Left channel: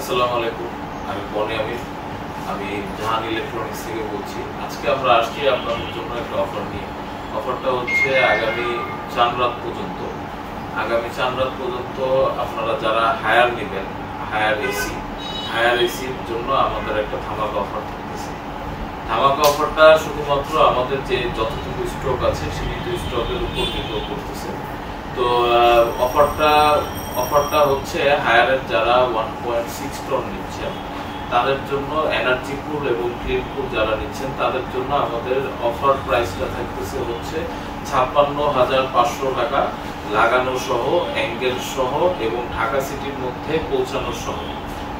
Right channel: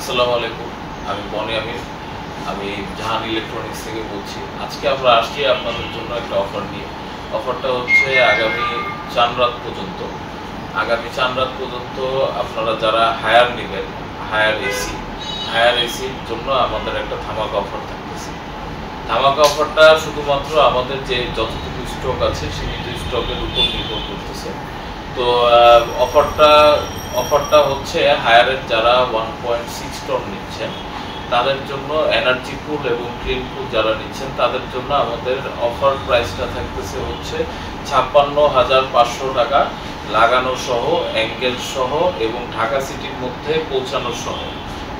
আসসালামু আলাইকুম। আমি বনি আমিন। আমি জাহান ইলেকট্রনিক্স থেকে বলছি। আজকে আমরা আসছি আপনাদের জন্য একটা অফার নিয়ে। অফারটা হচ্ছে আগামী চাঁদ রাত পর্যন্ত। আপনারা যারা হায়ার নেবেন, হায়ার এসির জন্য আমাদের একটা ধামাকা অফার থাকতেছে। ধামাকা অফারটা শুধুমাত্র আমাদের যে যতটুকু স্টক আছে সীমিত স্টকের উপর নির্ভর করতেছে। তো অফারটা হচ্ছে হায়ারের যারা 1.6 টন নিচ্ছেন তাদের জন্য, এনার্জি পুল এবং ক্লিন পুল যারা নিচ্ছেন তাদের জন্য আমাদের অফার প্রাইসটা থাকতেছে হচ্ছে 56,500 টাকা, লাগানো সহ, অ্যাঙ্গেল সহ এবং ঢাকা সিটির মধ্যে পৌঁছানো সহ।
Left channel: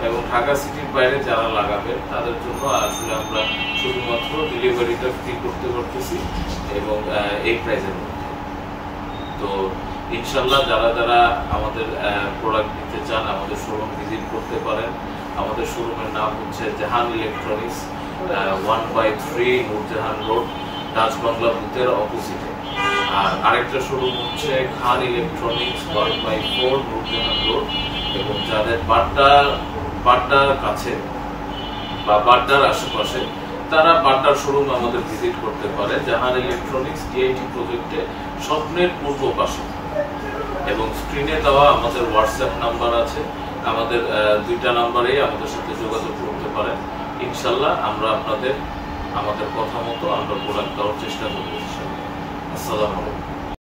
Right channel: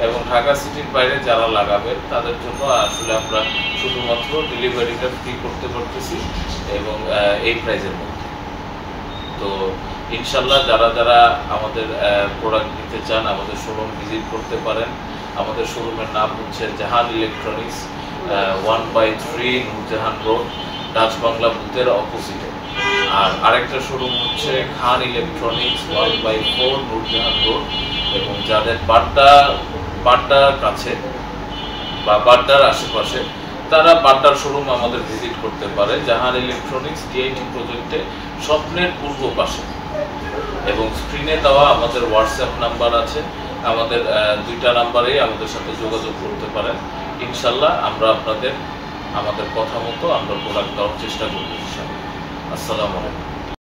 এবং ঢাকা সিটির বাইরে যারা লাগাবেন তাদের জন্য আসলে আমরা শুধুমাত্র ডেলিভারিটা ফ্রি করতে পারতেছি এবং এই প্রাইসের মধ্যে। তো ইনশাল্লাহ যারা যারা আমাদের প্রোডাক্ট নিতে চান আমাদের শোরুম ভিজিট করতে পারেন। আমাদের শোরুমের নাম হচ্ছে Jahan electronics, 1/3 Noorjahan road, Dutch Bangla বুথের অপোজিটে। আর আরেকটা শোরুম হচ্ছে খান ইলেকট্রনিক্স, 1/4 নূরজাহান রোড। এবং যাদের বাড্ডার কাছে বা বাড্ডার আশেপাশে তারা বাড্ডার শোরুম আমাদের ভিজিট করতে পারে। জাহান ইলেকট্রনিক্স ডিআইটি প্রজেক্টে স্বপ্নের পূর্ব পাশে। এবং স্ক্রিনে দেওয়া আমাদের হোয়াটসঅ্যাপ নাম্বার আছে, আমাদের 2টা নাম্বারেই আমাদের সাথে যোগাযোগ করতে পারেন। ইনশাল্লাহ আমরা আমাদের কথা মতো আমরা প্রোডাক্ট দেওয়ার চেষ্টা করবো ইনশাল্লাহ। আসসালামু আলাইকুম।